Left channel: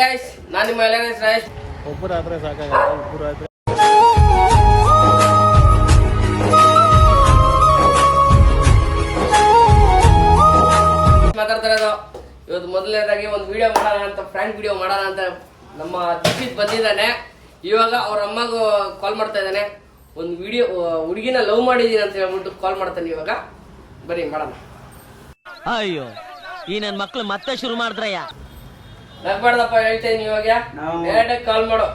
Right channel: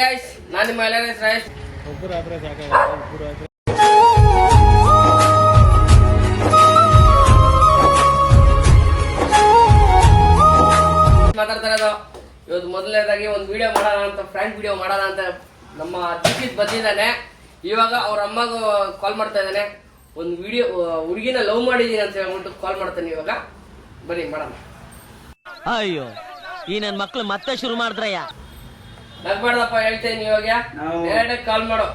Guys, ನಾನು ನಿಮ್ಮ ಎಲೆಸ್ ರಾಯೇಶ್. ಒಬ್ಬರು ಆದ್ರೆ ಸಾಕಾಗಲ್ಲ, ಇಬ್ಬರು ಆದ್ರೆ ಮಾತಾಡ್ತಾ ಇರೋದು. ಇವತ್ತು ಮೊದಲನೇದಾಗಿ ಒಂದು ವಿಡಿಯೋ ಮಾಡೋಣ ಅಂತ, ಫ್ರ್ಯಾಂಕ್ ವಿಡಿಯೋ ಮಾಡೋಣ ಅಂತ ನಮ್ಮ ದೀಪಿತ್ ಬಂದಿದ್ದಾನೆ. ಇವಾಗ ಅವ್ರ ಅಮ್ಮಗೂ ಕಾಲ್ ಮಾಡ್ತಾ ಇದ್ದಾನೆ. ಒಂದು ವಿಡಿಯೋ ಹುಡುಗಿನ ಲವ್ ಮಾಡಿದೀನಿ ಅಂತ ಹೇಳ್ಬಿಟ್ಟು ಕಾಲ್ ಮಾಡ್ತಾನೆ. ಇವಾಗ ಬರೀ ಮಾಡೋಣ. ಅಯ್ಯೋ, ಈ ನನ್ ಮಕ್ಳು ಮತ್ತೆ ಶುರು ಮಾಡಿದ್ರಯ್ಯ. ನಗ್ಬಾರ್ದಪ್ಪ, ಹೇಳ್ತೇನೆ. ಇವಾಗ ಡೈರೆಕ್ಟ್ ಕಾಲ್ ಮಾಡೋ.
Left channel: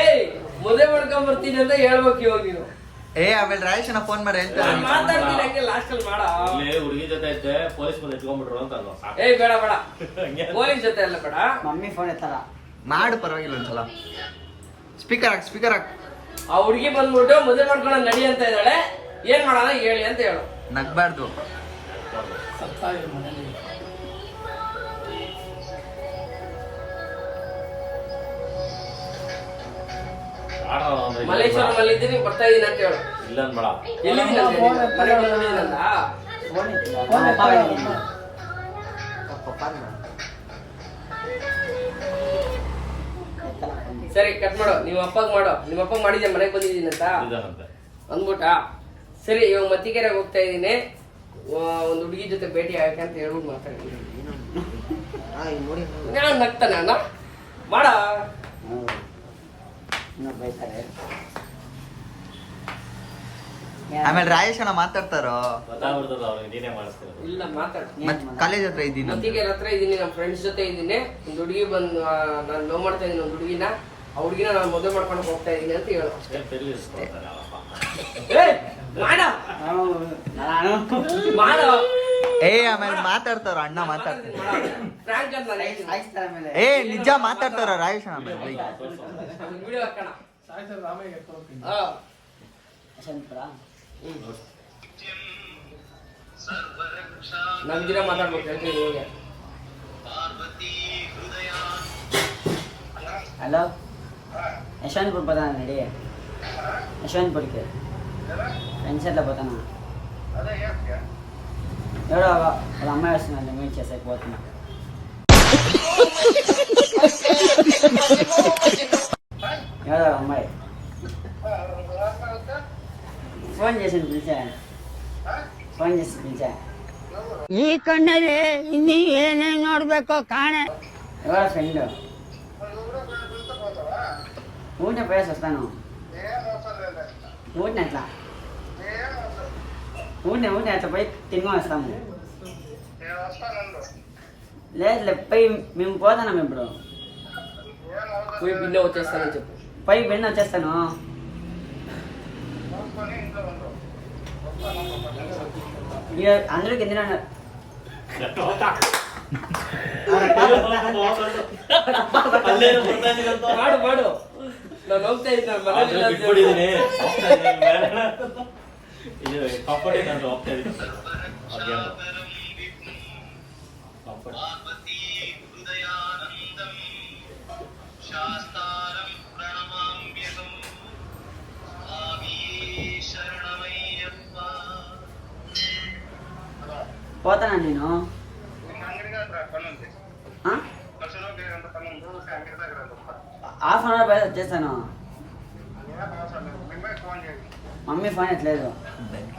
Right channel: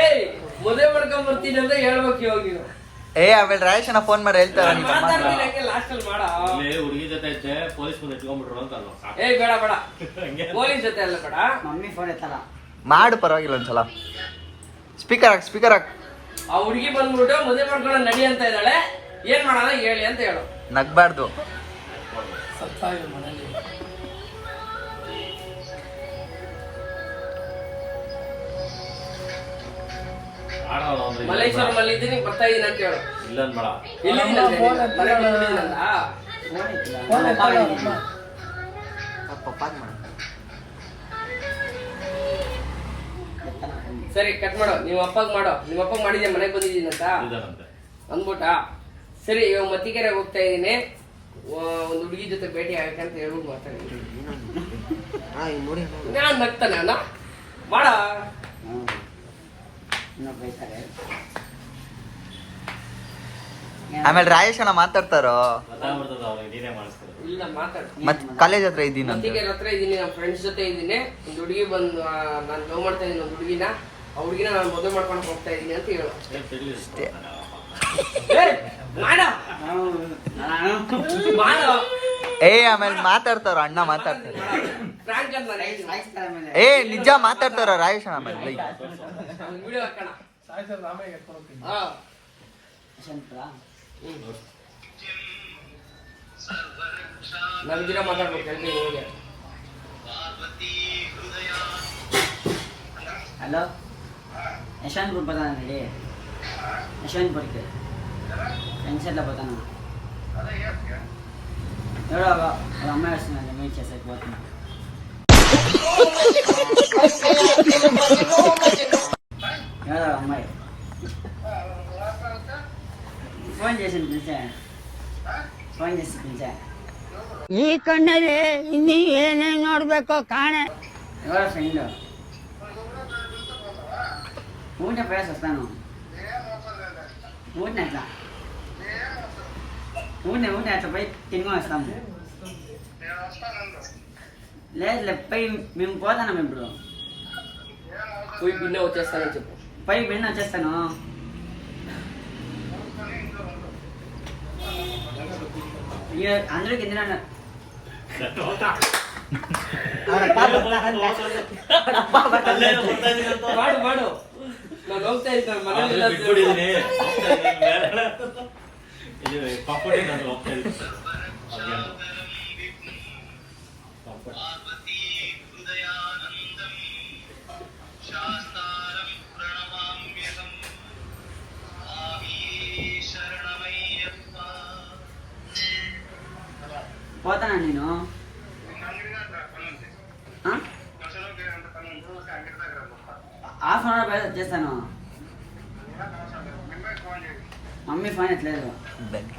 ಏಯ್, ಮದುವೆ ಮಾಡ್ಕೊಂಡ್ ಬರ್ತೀನಿ ಅಂತ ಹೇಳ್ಬೇಕು ಇವಾಗ ನೀವು. ಆಮೇಲೆ ರಾಯೇಶನ ಫೋನ್ ಮಾಡಿ ಹೇಳ್ತಾರೆ. ಲಾಸ್ಟ್ ಅಲ್ಲಿ ಮಾಡೋ. ಹುಡುಗಿ ಜೊತೆ ಐತೆ, ಪೊಲೀಸ್ ಬಂದು ಇಟ್ಕೊಂಡ್ಬಿಟ್ರು ಅಂತ ಅಲ್ವಾ? ಏಯ್ ಬೇಡ ಬೇಡ, ಪೊಲೀಸ್ ಜೊತೆ ಅಲ್ಲ ಬೇಡ. ಮಮ್ಮಿ ಫೋನ್ ಎತ್ತಲ್ಲ. ಮಾಡು, ಪರವಾಗಿಲ್ಲ ಒಂದ್ಸಲ. ಸ್ಪೀಕರ್ ಹಾಕ್. ಆ ಹುಡುಗಿ ಬಂದ್ಬಿಟ್ಟು ಮದುವೆ ಮಾಡ್ಕೊಂಡು ನಡಿ ಅಂತ ಇದ್ದಾಳೆ. ಏನ್ ಮಾಡೋಣ ಹೇಳಿ ಅಂತ ಹೇಳು. ನಗ್ಬಾರ್ದು. ಮಲ್ಲೇಶ್ವರಂ ಇದ್ದೀನಿ, ಬರ್ತಾ ಇದೀನಿ ಅಂತ ಹೇಳು. ಇಲ್ಲ ಬೇಡ, ಎಲ್ಲಿದ್ದೀನಿ ಅಂತ ಮನೆಗೆ ಬಂದಿದ್ದೀನಲ್ಲ. ಫೋನ್ ಎತ್ತಿಲ್ಲ. ನಮ್ಮ ಅಪ್ಪ ಬಂದಿದ್ದೀನಿ. ಸರಿ, ಕಟ್ ಮಾಡೋ. ನಿಮ್ಮ ಅಪ್ಪಗ್ ಮಾಡೋ. ನಿಮ್ಮ ಅಪ್ಪಗ್ ಮಾಡಿದ್ದೆ ಮನೆಗೆ ಬಂದಿದ್ದೀನಿ ಅಂತ ಅಂದ್ಬಿಟ್ಟ. ಸರಿ, ಇವಾಗ ಮತ್ತಿಕೆರೆಗೆ ಹೋಗ್ತಾ ಇದೀನಿ. ಒಂದು ಹುಡುಗಿ ಜೊತೆ ಭೇಟಿ ಆಗಕ್ಕೆ ಅಂತ ಹೇಳ್ಬಿಟ್ಟು ಮಾತಾಡಿದ್ದೀನಿ. ನಾನು ನಗ್ತಾನೆ ಅಣ್ಣ, ಮಾಡ. ಬೈತಾರೆ. ಆಮೇಲೆ ರಾಯೇಶನ ಮಾತಾಡ್ತಾರೋ. ಇಲ್ಲ, ಮಾತಾಡ. ಮತ್ ಕಾಲೇಜ್ ಹತ್ರ ಇದ್ದೀನಿ. ಮತ್ತಿಕೆರೆ ಹತ್ರ ಇದೀನಿ, ನಮ್ಮ ಫ್ರೆಂಡ್ಸ್ ಜೊತೆ ಇದ್ದೀನಿ. ಒಂದು ಹುಡುಗಿ ಬಂದು ನಾನು ಲವ್ ಮಾಡ್ತಾ ಇದೀನಿ. ಒಂದು ಹುಡುಗಿನ, ಆ ಹುಡುಗಿನ ನಾನು ಮದುವೆ ಮಾಡ್ಕೊಂಡು ಹೋಗ್ತಾ ಇದೀನಿ ಅಂತ ಹೇಳು. ಮಾಡೋ. ಆಮೇಲೆ ಮಾತಾಡ್ತಾರ, ಅಣ್ಣ ಮಾತಾಡ್ತಾರ. ಫ್ರಾಂಕ್ ಅಂತ ನಾನು ಹೇಳ್ತೀನಿ. ನಿಜ ಮಾತಾಡ್ತಾರ ರಾಯೇಶನ. ಆಮೇಲೆ ವಿಡಿಯೋ ಹಾಕೋಣ. ಹಾ, ನನ್ಗಿರ ಮಾತಾಡ್ಬೇಕು ಹೇಳ್ತೀನಿ ಇವಾಗ. ಹಲೋ, ಯಶವಂತಪುರ ಬದಾನ ನಡಿ. ಯಶವಂತಪುರಕ್ಕೆ ಫ್ರೆಂಡ್ಸ್ ಎಲ್ಲ ಬದಾನ. ನೋಡು, వాళ్ళ అమ్మాయి వస్తుందండి, మీట్ చేసేకి పోతున్నా. అమ్మాయి ఫోన్ చేసి పిలిచా. ಈ ಕಣ್ಣಲ್ಲಿ ಇನ್ನೂ ಏನೇನು ನೋಡ್ಬೇಕೋ ಕಾಣೆ. ఎవరు ఫ్రెండ్ ఊరినే పోయేసి వస్తాను. ఊరినే అట్లా పోయి తిని వస్తాము. లేదు, పోయి మేము పోతాము. ఇప్పుడు పోయి బిన్న వచ్చేస్తానని చెప్పు. పోయి బిన్న వచ్చేస్తాను. అందరూ కింద ಮಾಡು ಮಾಡು. ನಾನು ಹೋಗ್ತಾ ಇದ್ದೀನಿ ಮನೇಲಿ. పోతానా నేను? హాఫ్ అన్ అవర్ చేస్తాను. మమ్మీ ఫోన్ ఎట్లేదు.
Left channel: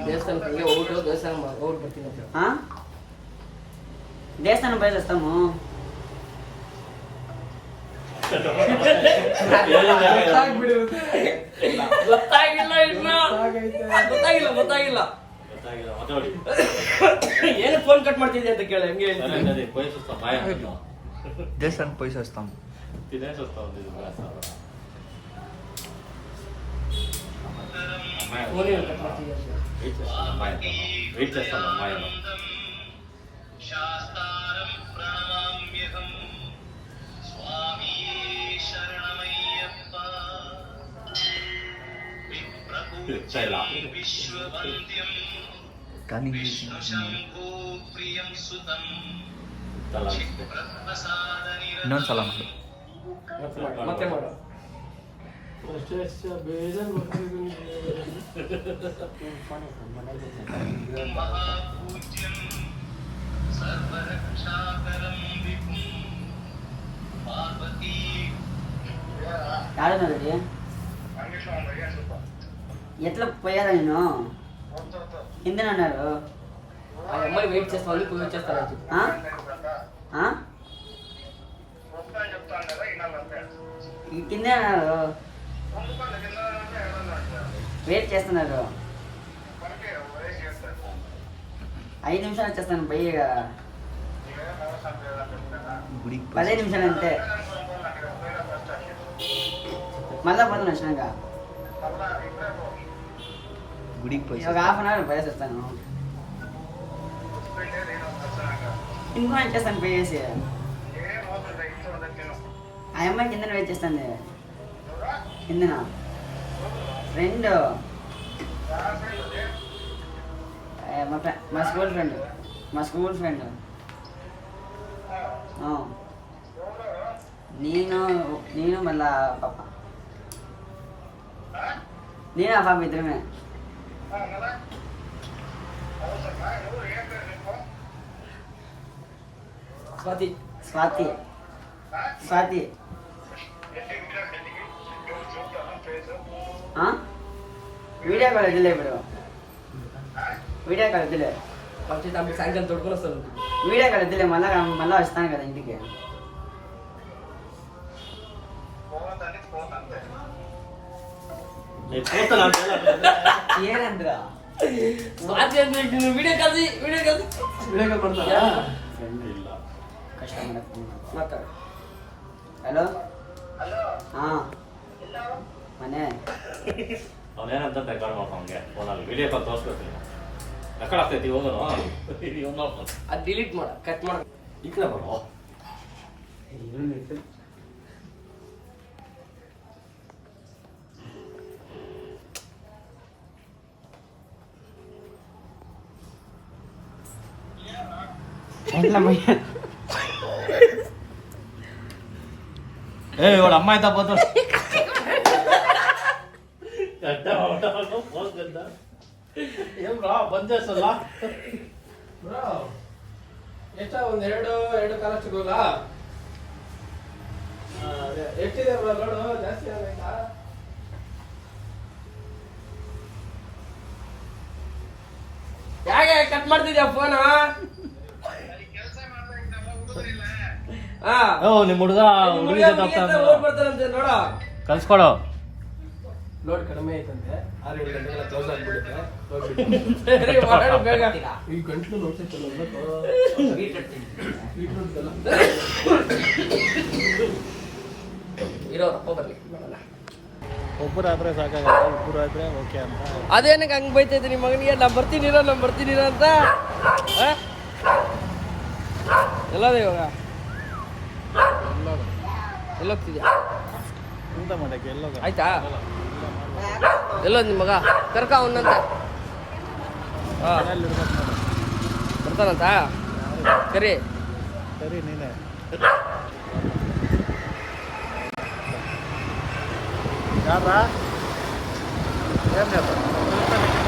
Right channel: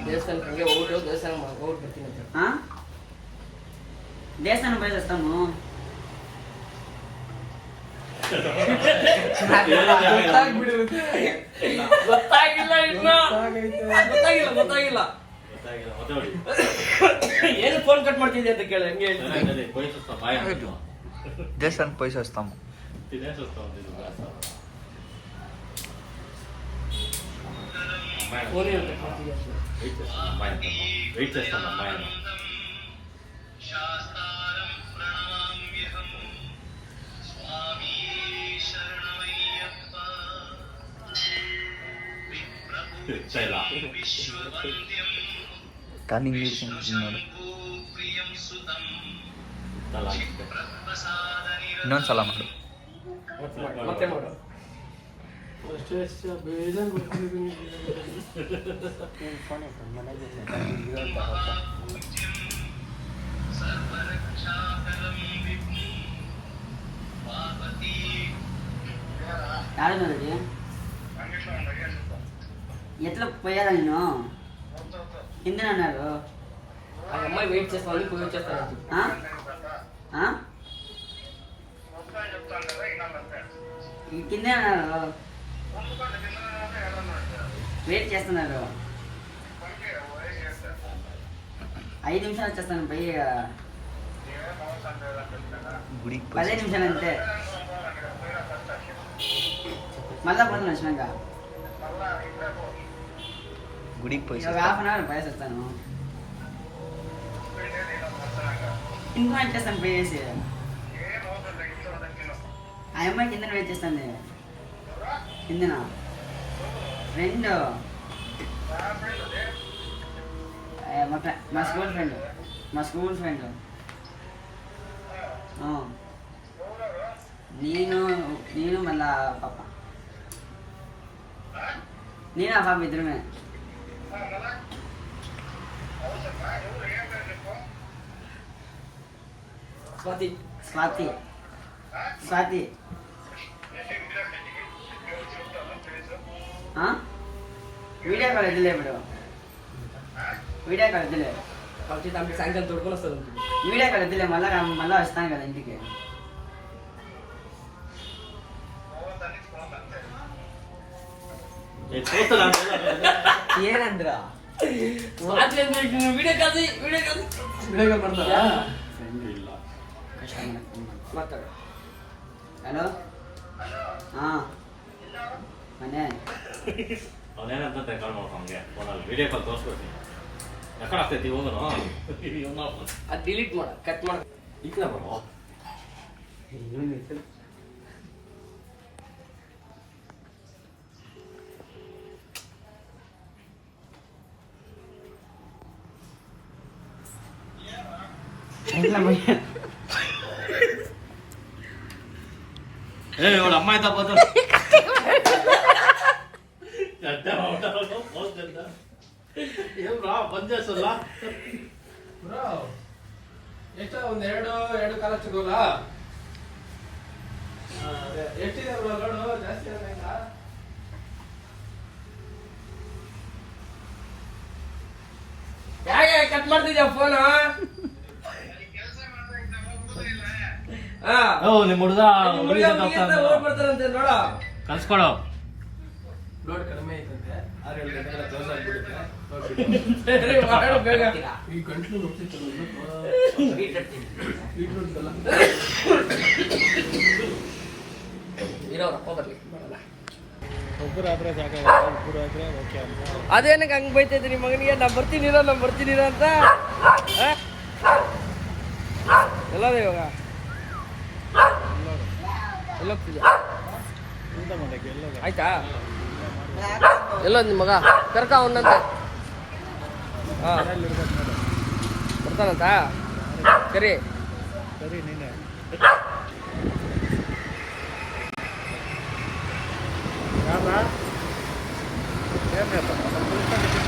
ದೇವಸ್ಥಾನಕ್ಕೆ ಹೋಗ್ಬಿಟ್ಟು ದೇವಸ್ಥಾನ ಹೋಗ್ಬಿಟ್ಟು ಬರ್ತೀನಿ ಅಂತ. ದೇವಸ್ಥಾನ పోయి వస్తాము. ಗೊತ್ತಾಗಿಲ್ಲ ಇನ್ನು. ಗೊತ್ತಾಗಿಲ್ಲ. ಏನು ಫೋನ್ ಕಟ್ ಮಾಡ್ತಿದ್ದೆ ಅಂತ ಕೇಳಿ. ಹಂಗೆ ದೇವಸ್ಥಾನಕ್ಕೆ పోయి వస్తాము. ಫೋನ್ ಏನು ಕಟ್ ಮಾಡ್ತಿದ್ದೆ? కానీ ಇಂಗ್ಲೀಷ್ ನೋಡು. ಇನ್ನೊಂದ್ಸಲ ಮಾಡು. ಮತ್ತೆ ಮಾಡು. ఆడున్నది ఎట్లా పోయారా నేను కిందనన్నారు ఆ అమ్మాయి వెయిట్ చేస్తామని పోయి వచ్చేస్తాను చెప్పి. కిందే అన్నారు వెయిట్ చేస్తున్నారు 5 నిమిషాలు వచ్చేస్తాను బయ్య గుడికి 10 నిమిషాలు అంతే మళ్ళా పోతాను వచ్చినాక గుడికి పోయి ఒక హాఫ్ అన్ అవర్ పోయేసి వస్తాను ఇంకో వచ్చేస్తాను పోయేసి ఆ అమ్మాయి కిందన వెయిట్ చేస్తాను కిందన ఫ్రెండ్ మా స్కూల్ ఫ్రెండ్ నేను మళ్ళా పాప నేను ఆ పాప ఇద్దరమే స్వాతి వీడియో కాల్ వద్దులే ఇప్పుడు వీడియో కాల్ వద్దులే కాబట్టి దానికి సాయంకాలం తోడుకొని వస్తుంది వీడియో కాల్ వద్దులే మళ్ళా వస్తాను కదా ఇంటికి ಏನಂದ್ರ ವಿಡಿಯೋ ಕಾಲ್ ಮಾತಾಡು ಹಲೋ ಮನೆ ಅವನೇನಂತ ಕಾಲ್ ಮಾಡ್ಕೊಂಗೆ ಫೋನಲ್ಲಿ ವಿಡಿಯೋ ಕಾಲ್ ತೋರಿಸ್ಕೊಡ್ತೀನಿ ರೆಕಾರ್ಡ್ ಆಗ್ತೈತಿ ಹೋಗೋಣ ಅದು ಡಿಲೀಟ್ ಮಾಡ ಕಟ್ ಮಾಡ ಈ ಕಡೆ ಬರೋ ಏ ಇವಳ ಅಮ್ಮ ಆಯ್ತಾ ಬಂದು ಏನ್ ಬಂದ್ చేస్తಲ್ಲ ಎಷ್ಟ ಒಂದ್ ಎರಡು ಕಾಲ ಸಿಗೋಲ್ಲ ಎಷ್ಟಿದೆ ಲೋಡ್ ಜಾಸ್ತಿ ಆಗಲ್ಲ ಯಾಕೆ ಕಟ್ ಮಾಡ್ತಿದ್ಯಾ ಫೋನ್ ಓ ನಿಮ್ ಹುಡುಗ ಹುಡುಗಿ ಬರ್ತಾರಂತೆ ನೋಡ ಕಲ್ಸ್ಕೊಡು ಲೋಡ್ ಕಡಿಮೆ ಐತಂತೆ 6-7 ಗಂಟೆಗೆಲ್ಲ ಕ್ಲೋಸ್ ಆಗ್ಬಿಡುತ್ತೆ ಈ ಗಂಟ್ಲು ನೋಡ್ತಿತ್ತಲ್ಲ ಇರೋರಪ್ಪ ಬರ್ಲಿ ಒಬ್ಬರಾದ್ರೆ ಸಾಕಾಗಲ್ಲ ಇಬ್ಬರು ಆದ್ರೆ ಓಕೆ ಅಂತ ಅದೇನಕ್ಕೆ ಹಂಗ್ ಬೈತೈತೆ ನಿಮ್ಮ ಮಗನಿಗೆ ನಾ ಬರ್ತೀನಿರೋ ಅಂತ ಎಲ್ಲೋದ ಇವಾಗ ಎಲ್ಲೋಗ್ತಿದ್ಯಾ ಊಟ ಮಾಡಕ್ಕೆ ಎಲ್ಲೋದ ಆಯ್ತಾ ಎಲ್ಲೋದ್ ನಿಮ್ಮ ಮಗ ಕರ್ಕ ಅವನಂತ ಇರ್ಬೇಕು ನೋಡು ಬರ್ತಾನಂತ ಸರಿ ಸರಿ ನೀನೆ ಯಾರ ಏನ್ ಹೇಳ್ತಾನೆ